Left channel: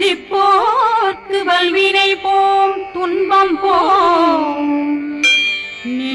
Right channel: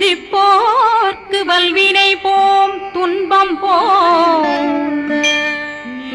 சிந்திப்போர்க்கு வல்வினை போம் துன்பம் போம்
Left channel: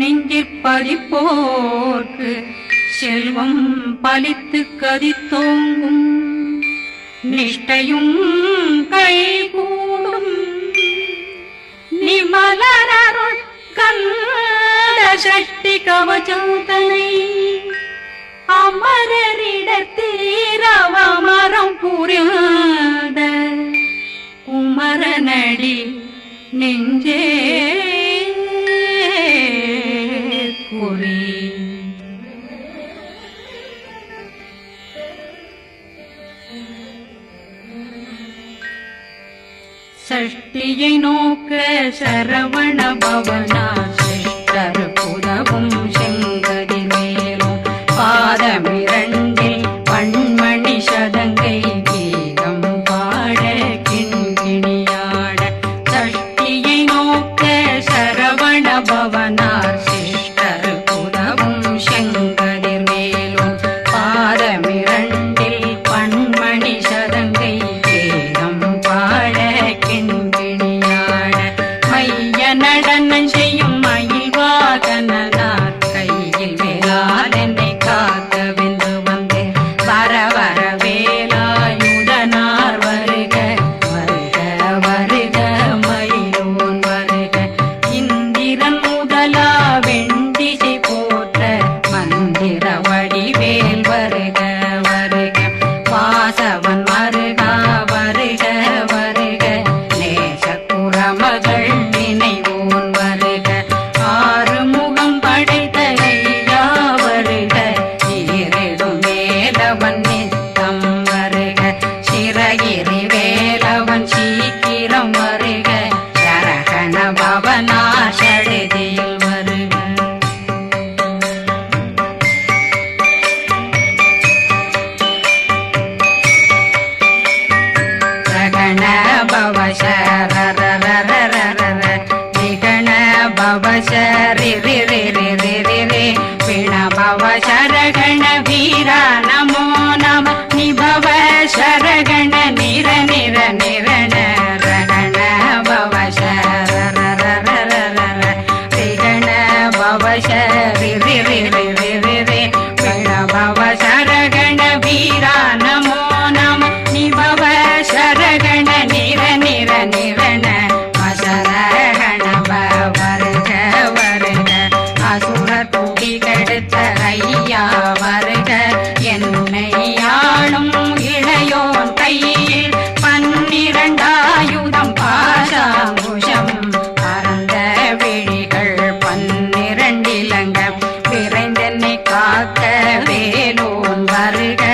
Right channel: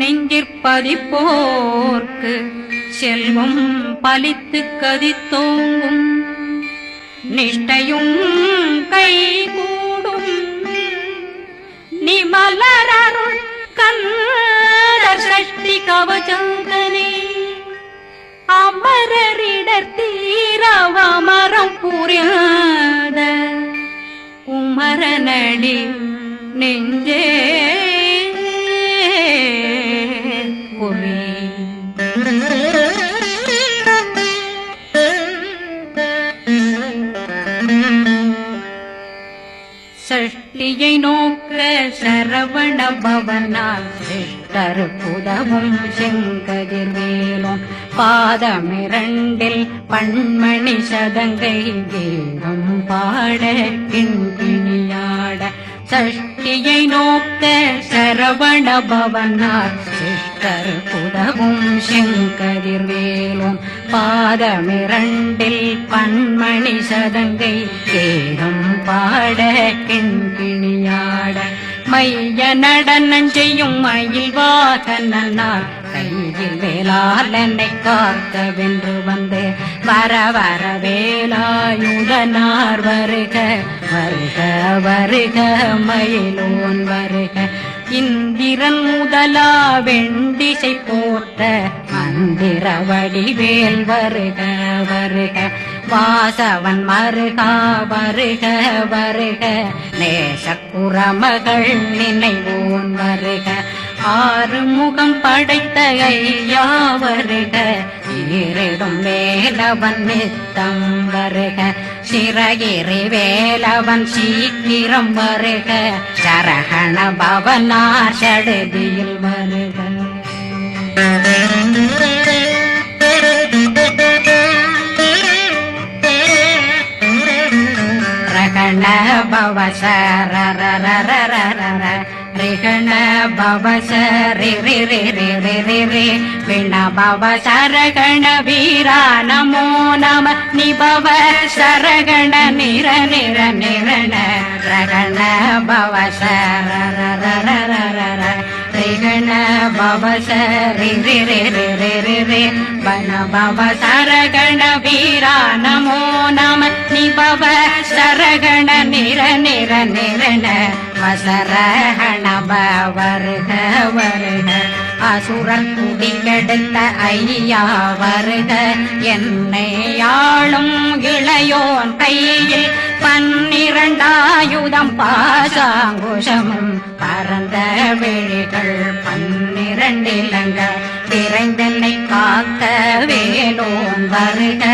நெஞ்சிற்பதிப்போர்க்கு செல்வம் பலித்து கதித்தோங்கும் நிஷ்டையும் கைகூடும் நிமலரருள் கந்த சக்தி கவசந்தனை அமரரிடத்தீரவமரம் புரியாத குமரனடி நெஞ்சே குழி சஷ்டியை நோக்க சரவண பவனா சிஷ்டர் புதவும் செங்கதிர் மேலும் பாதமிரண்டில் பண்மணி சதங்கை கீதம் பாட கிண்கிணியாட சஷ்டியை நோக்க சரவண பவனார் சிஷ்டர் புதவும் செங்கதிர் மேலும் பாதமிரண்டில் பண்மணி சதங்கை கீதம் பாட கிண்கிணியாட மைய நடனம் செய்யும் மயில்வாகனார் கையில் வேளாளனை காக்க வென்று வந்து வர வர வேலாயுதனார் வருக வருக வருக மயிலோன் வருக இந்திரன் முதலா வெண்டிசை போட்ட மந்திர வடிவேல் வருக வருக வாசவன் வருகா வருக வருக நேசக்குறமகள் நினைவோன் வருக ஆறுமுகம் படைத்த ஐயா வருக ஈரிடும் வேலவன் நித்தம் வருக சிறகிரி வேலவன் சீக்கிரம் வருக சரகண பவனா சடுதியில் வருக ரகண பவ சரரரரரரர விகண பவ சரி ரி ரி ரி ரி ரி ரி விண பவ சரகண வீரா நமோ நம நிபவ சரகண நிர நிர நிரண ரகண பவ சரரரரரர விகண பவ சரி ரி ரி ரி ரி ரி ரி விண பவ சரகண வீரா நமோ நம நிபவ சரகண நிர நிர நிரண மசரகண வருக வருக அசுர குடிகெடுத்த ஐயா வருக என்னை ஆளும் இளையோன் கையில் 12 பாசாங்குஷமும் பரந்த விழிகள் 12 இலங்கம் விரைந்தென்னை காக்க வேலோன் வருக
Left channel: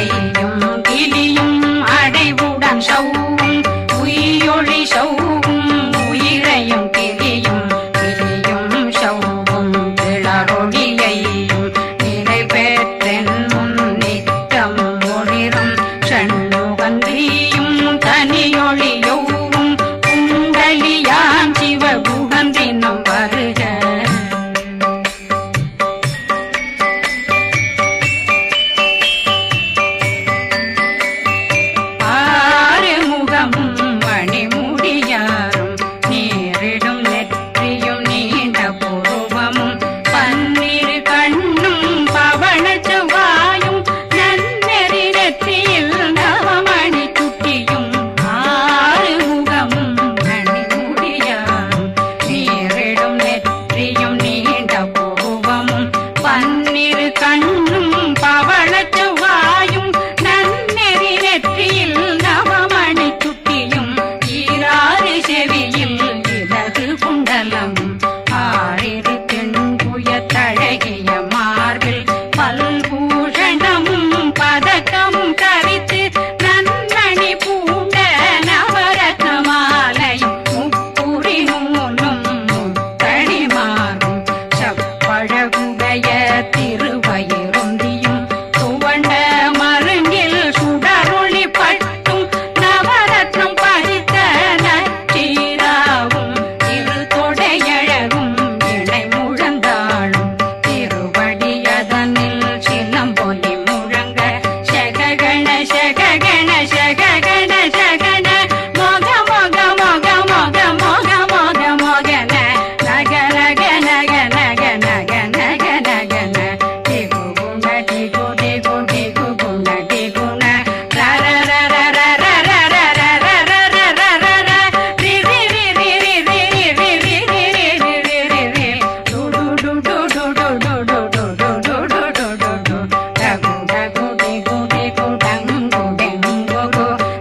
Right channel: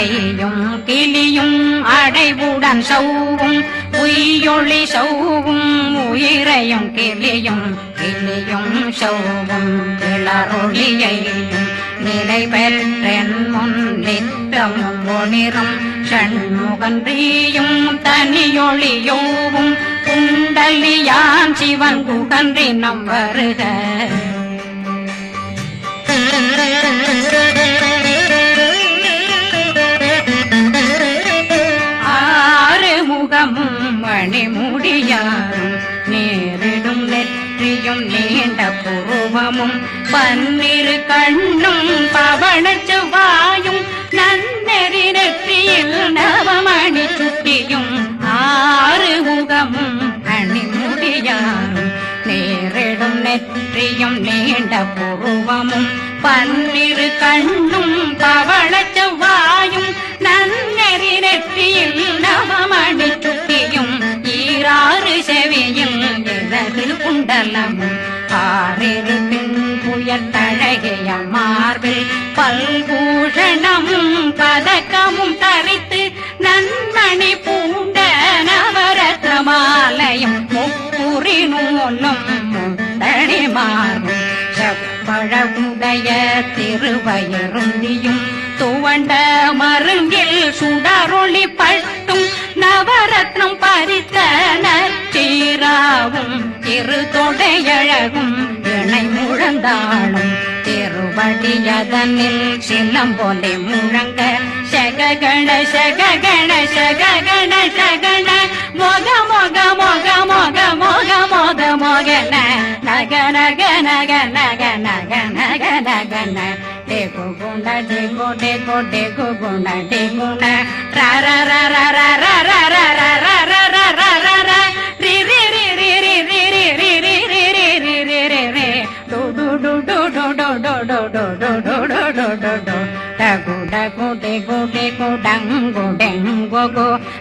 ஐயும் கிளியும் அடைவுடன் சௌவும் உயிரொளி சௌவும் உயிரையும் கிளியும் கிளியும் சௌவும் இளரொளியையும் நிலை பெற்றென் முன் நித்தம் ஒளிரும் சண்முகந்தியும் தனியொளியோவும் குண்டலியான் சிவ குகந்தினம் வருக மணிமுடியாரும் நேரிடும் நெற்றியும் நீண்ட பூவமும் 12 கண்ணும் பவன செவ்வாயும் நன்னெறி நெற்றியில் நவமணி சுட்டியும் 6 முகமும் மணிமுடியாரும் நேரிடும் நெற்றியும் நீண்ட பூவமும் 12 கண்ணும் பவன செவ்வாயும் நன்னெறி நெற்றியில் நவமணி சுட்டியும் 6 செவியில் இடது குண்டலமும் 6 தின்புய தழகிய மார்பில் பல்பூஷணமும் பதக்கமும் தரித்து நன்மணி பூண்ட நவரத்ன மாலையும் முப்புரி நூலும் முத்தணிமாறும் செப்பழகுடைய திருவயருந்தியும் துவண்ட மருங்கில் சுடரொளி பட்டும் நவரத்னம் பறித்த நச்சீராவும் இரு தொடையழகும் இணை முழந்தாளும் திருவடியதனில் சின்னம் போலே முழங்க சககண சககண சககண சகண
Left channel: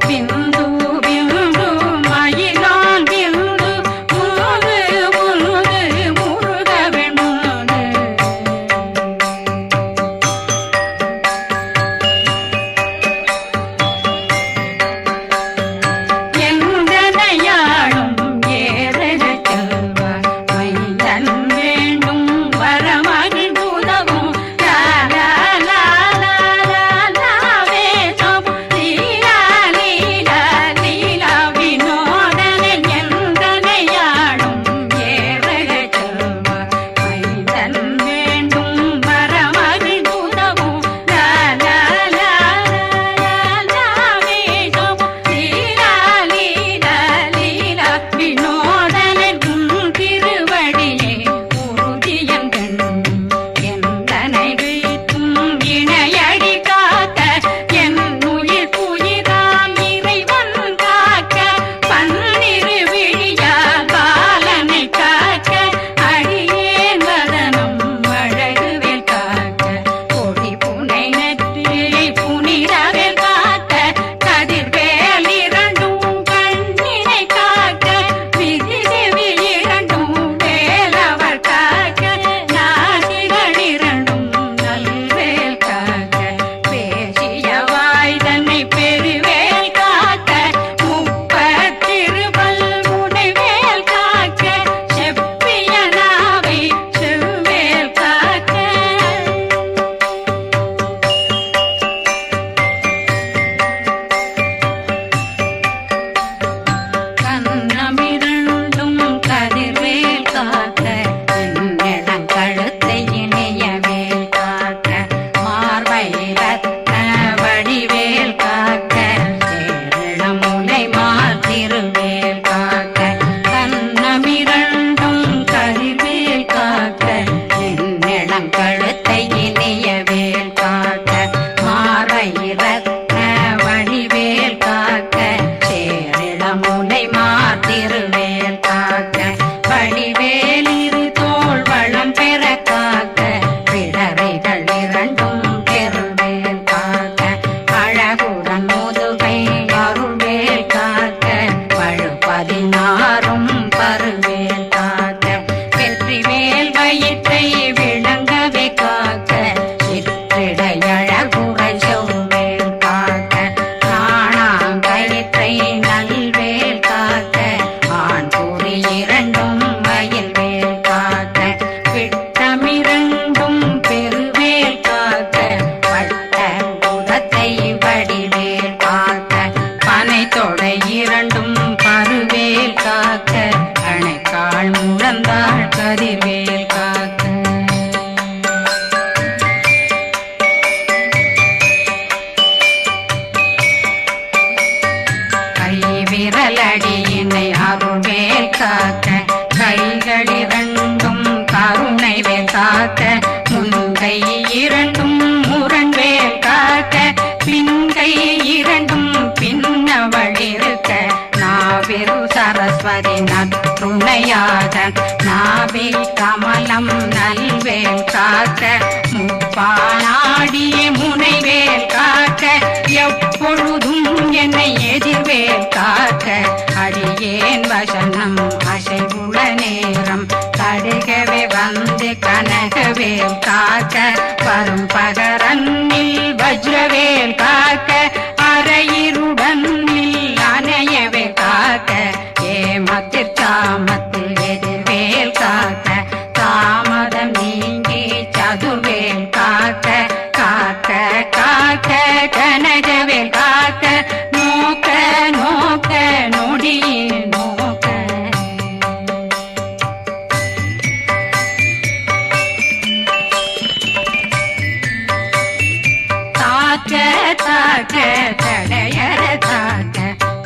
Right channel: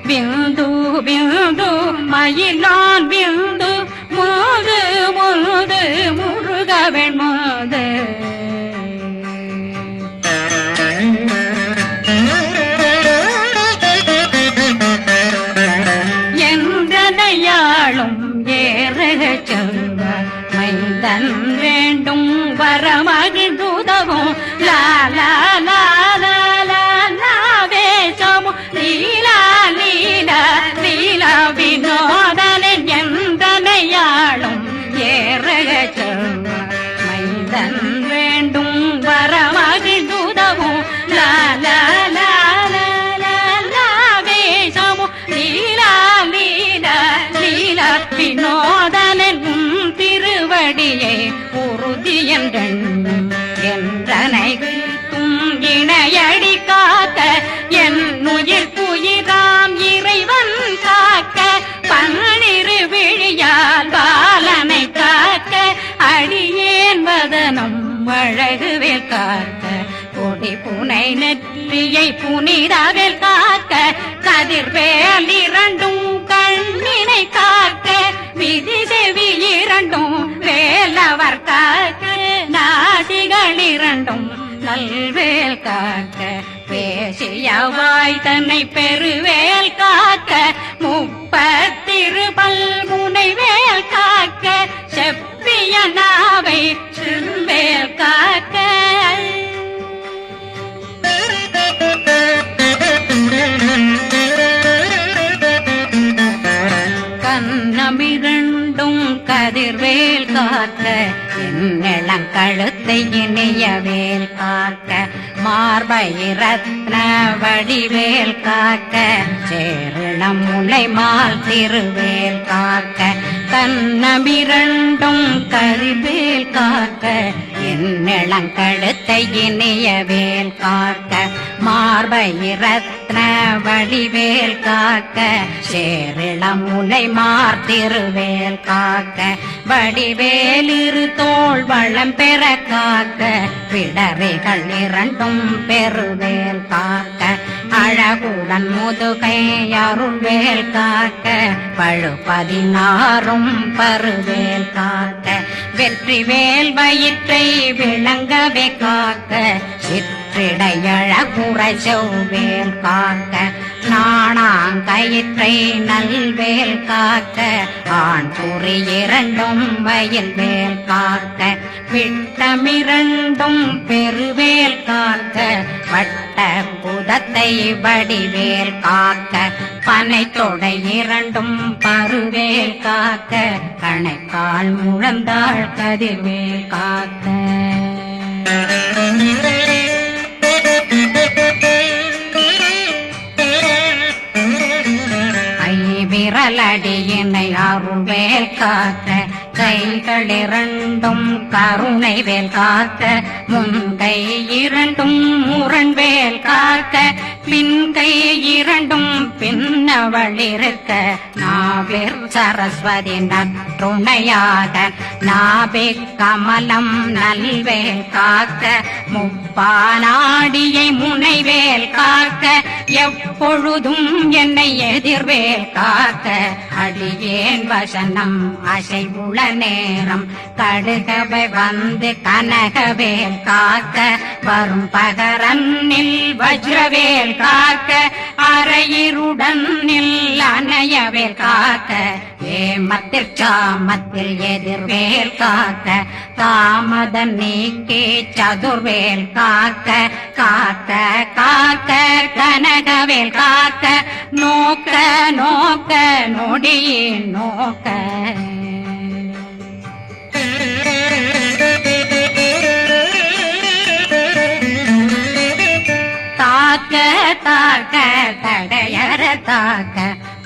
बिंदु बिंदु मयिलान बिंदु मुरुது मुरुது முருகவன் முருது எந்தனையாளும் ஏறுக செல்வார் மைந்தன் வேண்டும் வரமகிழ்ந்துதவும் லா லா லா புனிதவேல் காக்க கதிர்வேல் இரண்டும் கண்ணினை காக்க விதி செவி இரண்டும் வேலவர் காக்க நாசிகள் இரண்டும் நல்வேல் காக்க பேசிய வாய் தன்னை பெருவேல் காக்க முப்பத்திருபல் முனைவேல் காக்க செப்பிய நாவை செவ்வேல் காக்க கண்ணமிரண்டும் கதிர்வேல் காக்க இளம் கழுத்தை இணையவேல் காக்க மார்பை ரத்ன வடிவேல் காக்க சேரணம் முனை மால் திருவேல் காக்க கண்ணமிரண்டும் கதிர்வேல் காக்க இளம் கழுத்தை இணையவேல் காக்க மார்பை ரத்ன வடிவேல் காக்க சேரிடம் முனை மார்த்திருவேல் காக்க வடிவேல் இரு தோள் வளம் பெற காக்க பிடரைகள் இரண்டும் பெருவேல் காக்க அழகுடன் முதுகை அருள்வேல் காக்க பழு 16 பருவேல் காக்க வெற்றி வேல் வயிற்றை விளங்கவே காக்க சிற்றிடையழகுறை செவ்வேல் காக்க நாணாங்கயிற்றை நல்வேல் காக்க ஆண் குறி இரண்டும் வயல்வேல் காக்க விட்டமிரண்டும் பெருவேல் காக்க வட்ட புதத்தை வடிவேல் காக்க பனை தொடை இரண்டும் பருவேல் காக்க கணைக்கால் முழந்தாள் கதிர்வேல் காக்க விரலடியினை அருள்வேல் காக்க கைகள் இரண்டும் கருணை வேல் காக்க முன்கை இரண்டும் முரண்வேல் காக்க பின்கை இரண்டும் பின்னவளிருக்க நாவில் சரஸ்வதி நற்றுணையாக நாபி கமலம் நல்வேல் காக்க முப்பானாடியை முனைவேல் காக்க எப்பொழுதும் என்னை எதிர்வேல் காக்க அடியேன் வசனம் அசைவுள நேரம் கடுகவே வந்து கனகவேல் காக்க வரும் பகரன்னில் வஜ்ரவேல் காக்க அரையிருடன் அணையவேல் காக்க ஏமத்தில் காமத்தில் எதிர்வேல் காக்க தாமதம் நீக்கி சதுர்வேல் காக்க காக்க காக்க கனகவேல் காக்க நோக்க நோக்க நொடியில் நோக்க தாக்க தாக்க தடையற தாக்க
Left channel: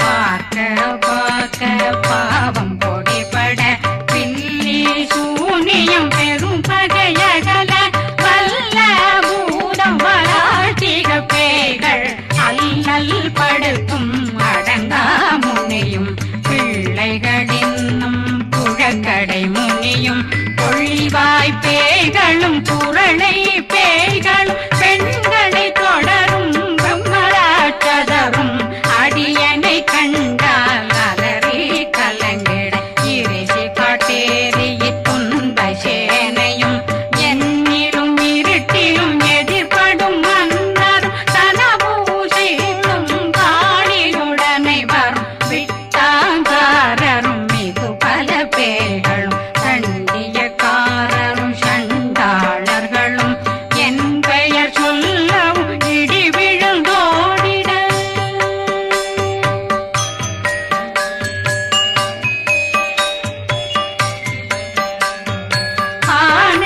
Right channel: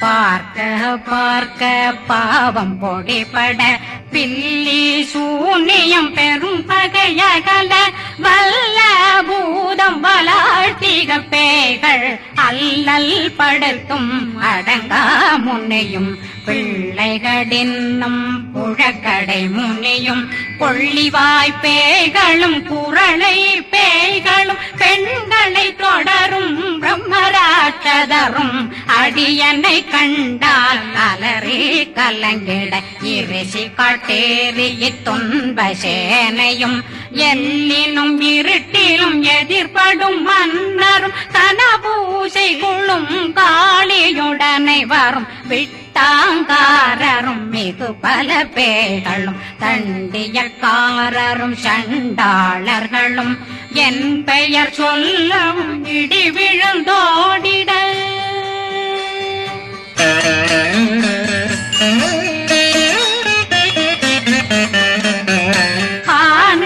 பார்க்க பார்க்க பாவம் பொடிபட பில்லி சூனியம் பெரும் பகையகல வல்ல பூதம் வளா ஆட்டிக பேய்கள் அல்லல் படுத்தும் அடங்கா முனையும் பிள்ளைகளின்னும் புழக்கடை முனியும் கொள்ளிவாய் பேய்களும் குரளை பேய்களும் பெண்களை தொடரும் பிரம்மராட்சதரும் அடியனை கண்டால் அலறி கலங்கிட இறைசி காட்டேறிய துன்ப சேனையும் என்னிலும் இருட்டிலும் எதிர்படும் மன்னரும் தனபூசைகளும் காளியுடனை வரும் விட்டாங்காரரும் மிகு பல பேர்களும் தண்டியக்காரரும் சண்டாளர்களும் என் பெயர் சொல்லவும் இடி விழுந்தோடிட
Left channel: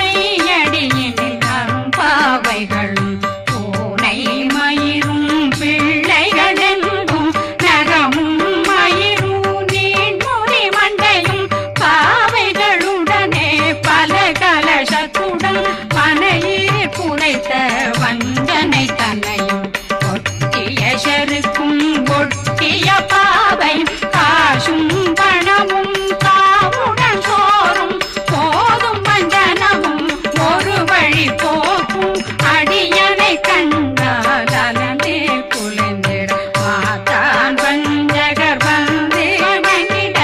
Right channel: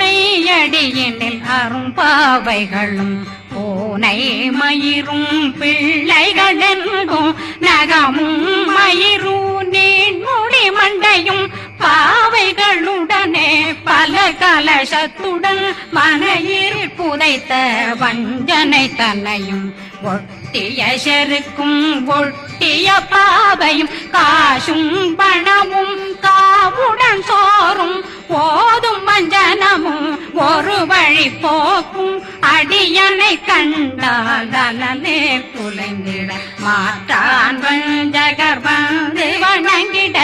ஆனையடியினில் அரும்பாவைகளும் பூனை மயிரும் பிள்ளைகளெங்கும் நகமும் மயிரும் நீண்முடி மண்டையும் பாவைகளுடனே பல கலசத்துடன் மனையில் புதைத்த வஞ்சனை தன்னையும் ஒட்டிய செருக்கும் ஒட்டிய பாவையும் காசும் பணமும் காவுடன் சோறும் போதும் வஞ்சனமும் ஒரு வழி போக்கும் அடியனை கண்டாலே குலைந்திட மாதான் வஞ்சகர் வந்து வணங்கிட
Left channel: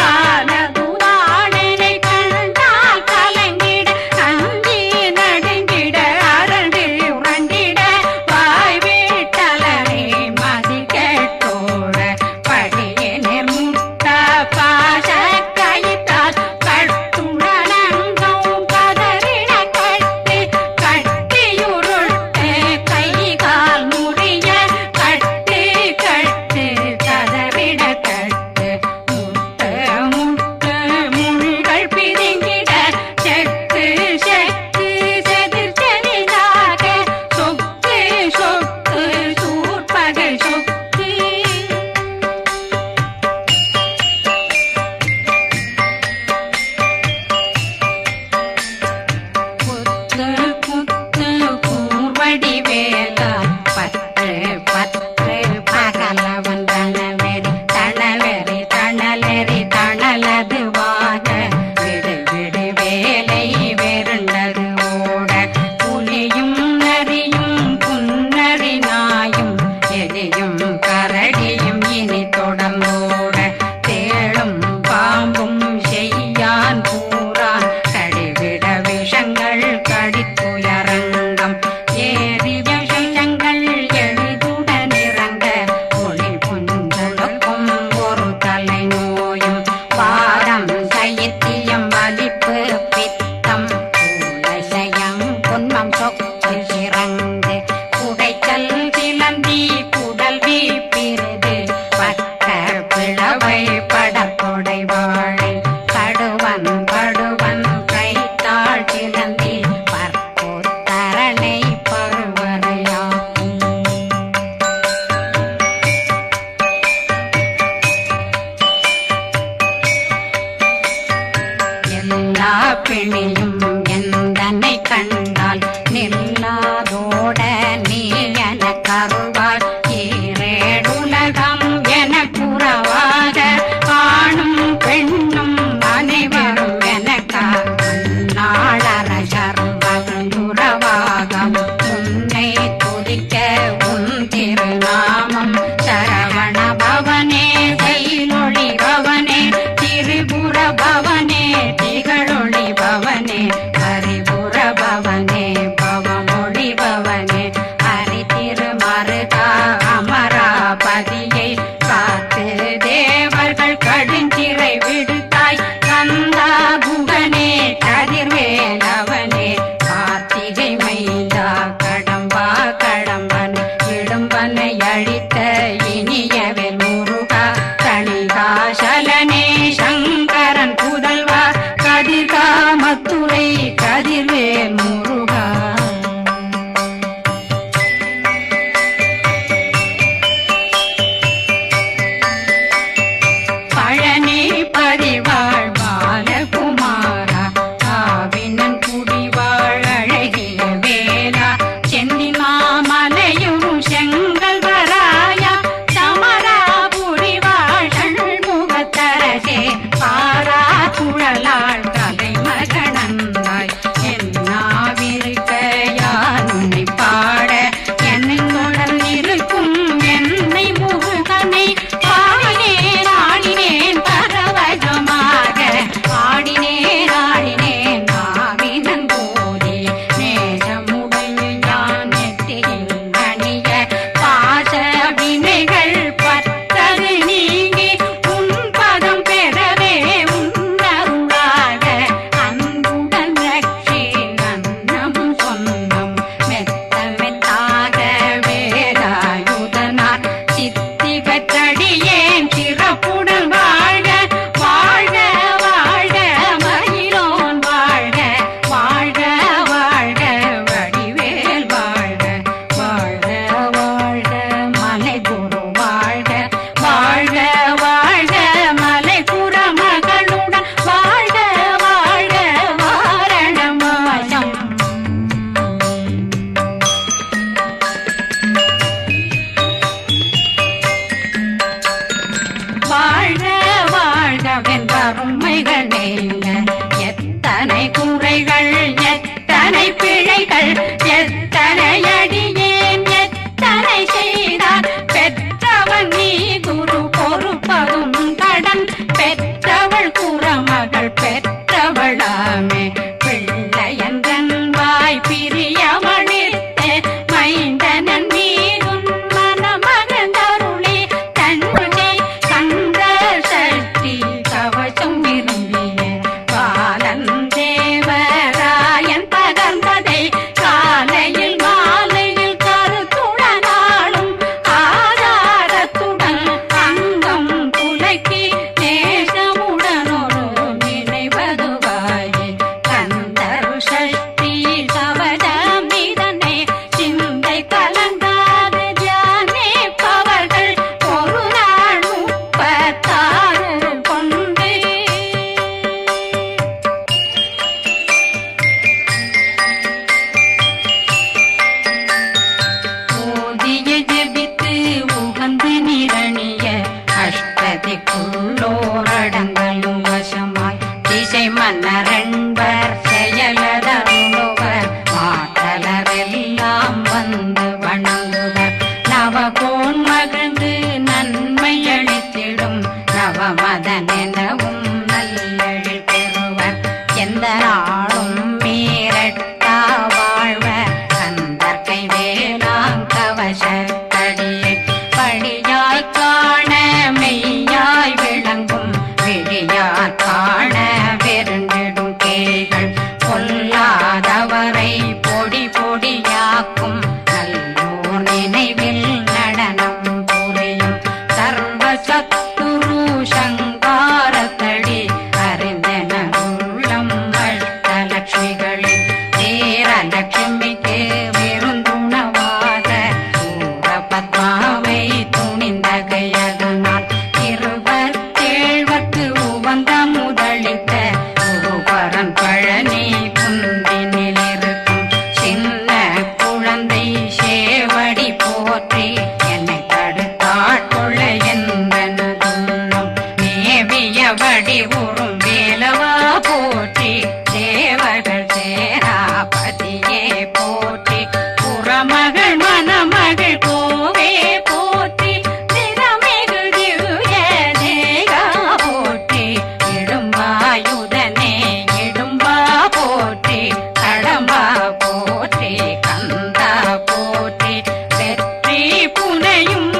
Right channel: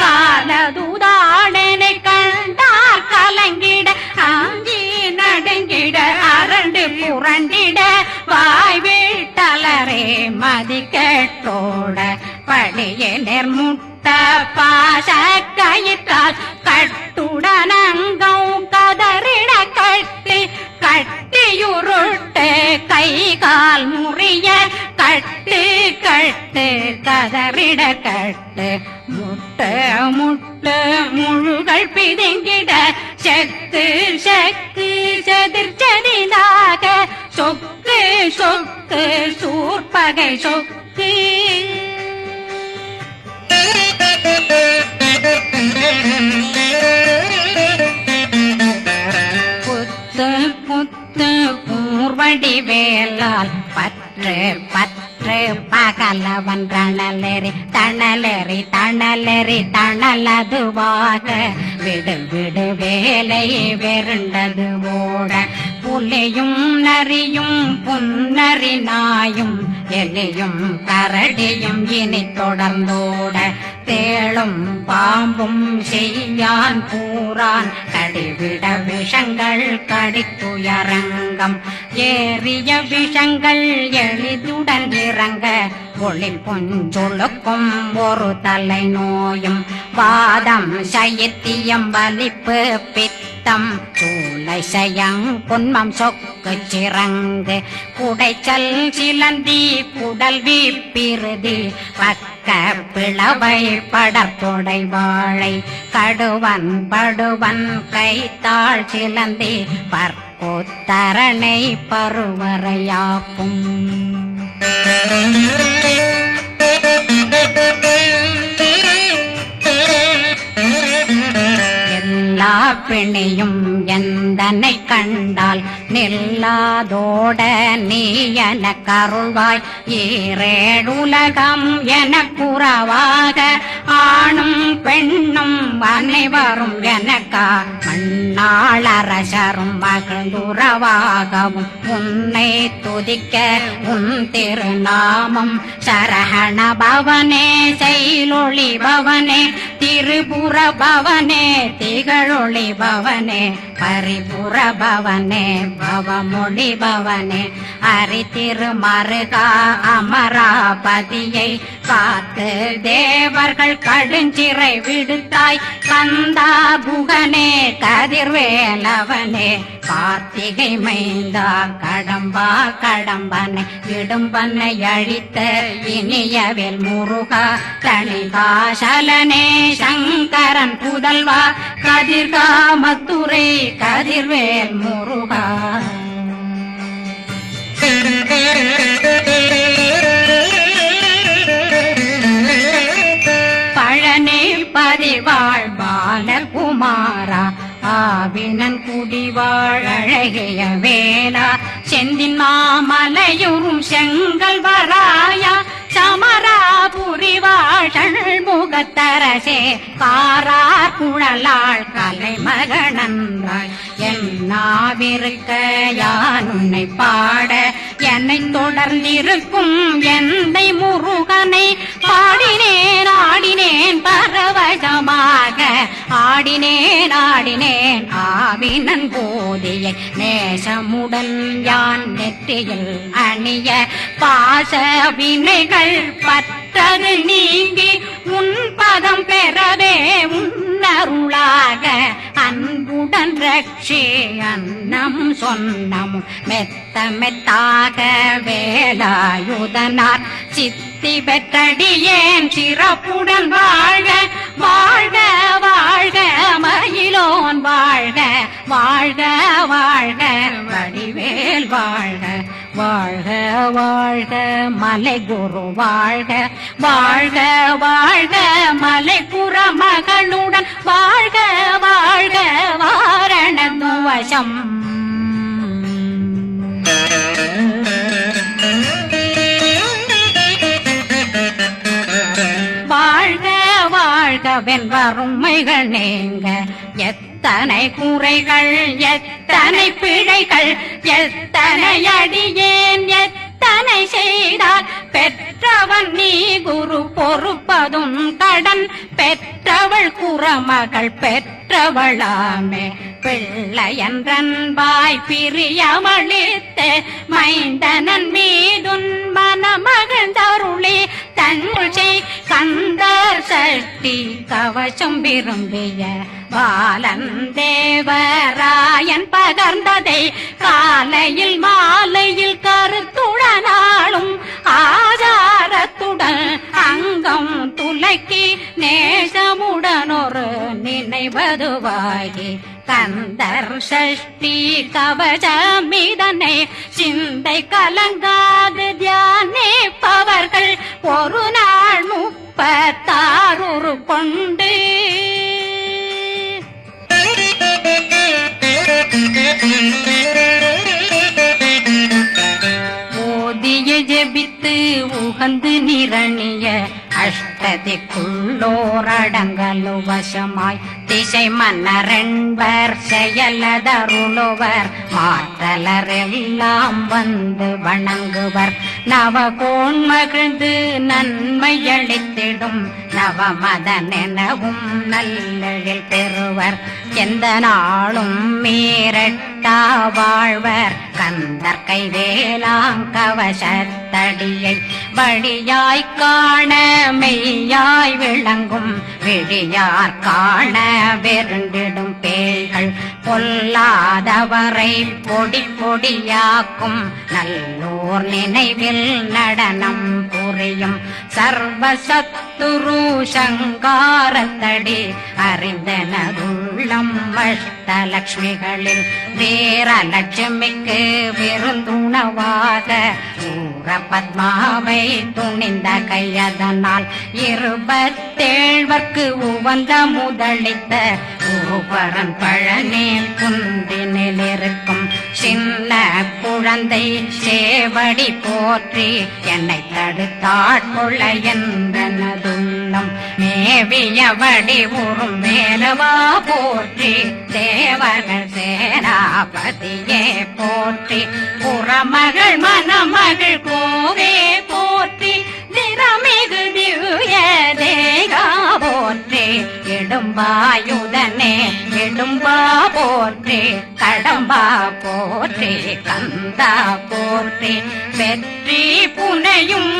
காலதுதாடனை கண்டால் கலங்கிட அந்தி நடுங்கிட அரண்டு புரண்டிட வாய் வீட்டலரே மதி கேட்டோட படியே நிர்முட்ட பாச கயிற்றால் கட்டுடனங்கும் கதறிட கட்டி கட்டியுருட்டு கை கால் முறிய கட்டு கட்டு கதறிட கட்டு முட்டு முட்டு முள்கள் பிதுங்கிட செக்கு செக்கு செதிர் செதிலாக சொக்கு சொக்கு சூர்பகை சொக்கு புத்து புத்து கூர்வடி வேலால் பற்று பற்று பகலவன் தணலெறி தணலெறி தணலெறி தணலதுவாக விடு விடு வேலை வெருண்டது ஓட புலியும் நரியும் புன்னரி நாயும் எலியும் கரடியும் இனி தொடர்ந்தோட தேளும் பாம்பும் செய்யான் பூரான் கடிவிட விஷங்கள் கடித்துயரங்கம் ஏறிய விஷங்கள் எளிதுடன் இறங்க ஒளி கொஞ்சொழுக்கும் ஒரு தலை நோயும் வாதம் சைத்தியம் வலிப்பு பித்தம் சயம் பொன்மம் சொக்கு சிறங்கு குடைச்சல் சிலந்தி குடல் வீப்பிருது பக்க பிளவை படற்கொடை வாழை கடுவன் படுவன் கைத்தாள் சிலந்தி பற்போத்தரணை பருவரையாக்கும் எல்லா பிணியும் எந்தனை கண்டால் நில்லாதோட நீ என கருள்வாய் ஈரேடுலகம் என புறவாக ஆணும் பெண்ணும் அனைவரும் எனக்கா மண்ணாளரசரும் மகிழ்ந்துறவாகவும் உன்னை துதிக்க உன் திருநாமம் சரகண பவனே செயலொளி பவனே திரிபுர பவனே திகழொளி பவனே பரிபுர பவனே பவமொழி பவனே ஹரி திருமருகா அமராபதியை காத்து தேவர்கள் கடுஞ்சிறை விடுத்தாய் கந்தா குகனே கதிர்வேலவனே கார்த்திகை மைந்தா கடம்பா கடம்பனை இடும்பனை அழித்த இனியவில் முருகா தனிகாசலனே சங்கரன் புதல்வா கதிர்காமத்துரை கதிர்வேல் முருகா பழனி பதிவாழ் பாலகுமாரா ஆவினன் குடிவாழ் அழகிய வேலா செந்தின் மாமலை பாரா குழலாள் கலைமகனந்தாய் என்னாவிருக்க யான் உன்னை பாட என்னை தொடர்ந்திருக்கும் என்னை முருகனை பாடினேன் ஆடினேன் பரவசமாக ஆடினேன் ஆடினேன் ஆவினன் போதிய நேசமுடன் யான் நெற்றியில் அணிய பாச வினைகள் பற்றது நீங்கி உன் பதம் பெறவே உன்னருளாக அன்புடன் ரட்சி அன்னம் சொன்னம் மெத்த மெத்தாக வேலாயுதனார் சித்தி பெற்றடியேன் சிறப்புடன் வாழ்க வாழ்க வாழ்க மயிலோன் வாழ்க வாழ்க வாழ்க வடிவேல் வாழ்க வாழ்க வாழ்க மலை குரு வாழ்க வாழ்க வாழ்க மலை புற மகளுடன் வாழ்க வாழ்க வாரணம் வசம் வாழ்க வாழ்க வென்றருமைகள் நீங்க எத்தனை குறைகள் எத்தனை பிழைகள் எத்தனை அடியேன் எத்தனை செய்தார் பெற்றவன் நீ குரு பொறுப்பதும் கடன் பெற்றவள் குறமகள் பெற்றவளாமே பிள்ளையன்றன் வாய் பிரியமளித்து மைந்தனன் மீதுன் மனமகந்தருளே தன்னை கந்த சக்தி கவசம் விரும்பிய பாலன் தேவராயன் பகர்ந்ததை காலையில் மாலையில் கருத்துடனாலும் ஆதாரத்துடன் அங்கம் துலக்கி நேசமுடனொரு நினைவதுவாகி கந்தர் சக்தி கவசமிதனை சிந்தை கலங்காது தியானிப்பவர்கள் ஒரு நாள் 36 கொண்டு ஓதிய ஜெபித்து உகந்து நிரணிய அஷ்டதிக்குள்ளோரடங்கலும் வசமாய் திசை மன்னரென்பர் செயலதருளுவர் மாற்றலரெல்லாம் வந்து வணங்குவர் நவகோன் மகிழ்ந்து நன்மையளித்திடும் நவமதனெனவும் நல்லெழில் பெறுவர் எந்த நாளும் மீறட்டா வாழ்வர் கந்தர் கைவேலாங்கவசத்தடியை படியாய் காண மெய்யாய் விளங்கும் விழியார் காண வெருண்டிடும் கேள்கள் பொல்லாதவரை பொடி பொடியாக்கும் நல்லோர் நினைவில் நடனம் புரியும் சர்வசத்துரு சங்காரத்தடி அறிந்தனருள்ளம் வட்டலட்சுமிகளில் தேரலட்சுமிக்கு விருந்துணவாக ஊர பத்மாவை துணிந்த கையதனால் 27 உவந்த முதலித்த ஊபரன் பழனி குந்தினில் இருக்கும் சின்ன குழந்தை சேவடி போற்றி என்னை தடுத்தாட்கொள்ள என்றனதுள்ளம் மேவியபடி உறும் வேலவா போற்றி தேவர்கள் சேராபதியே போற்றி புறமகள் மணமகள் கோவே போற்றி திறமிகு திவ்ய தேகா போற்றி இடும்பாயுதனே இடும்பா போற்றி கடம்பா போற்றி கந்தா போற்றி வெற்றி புனையும்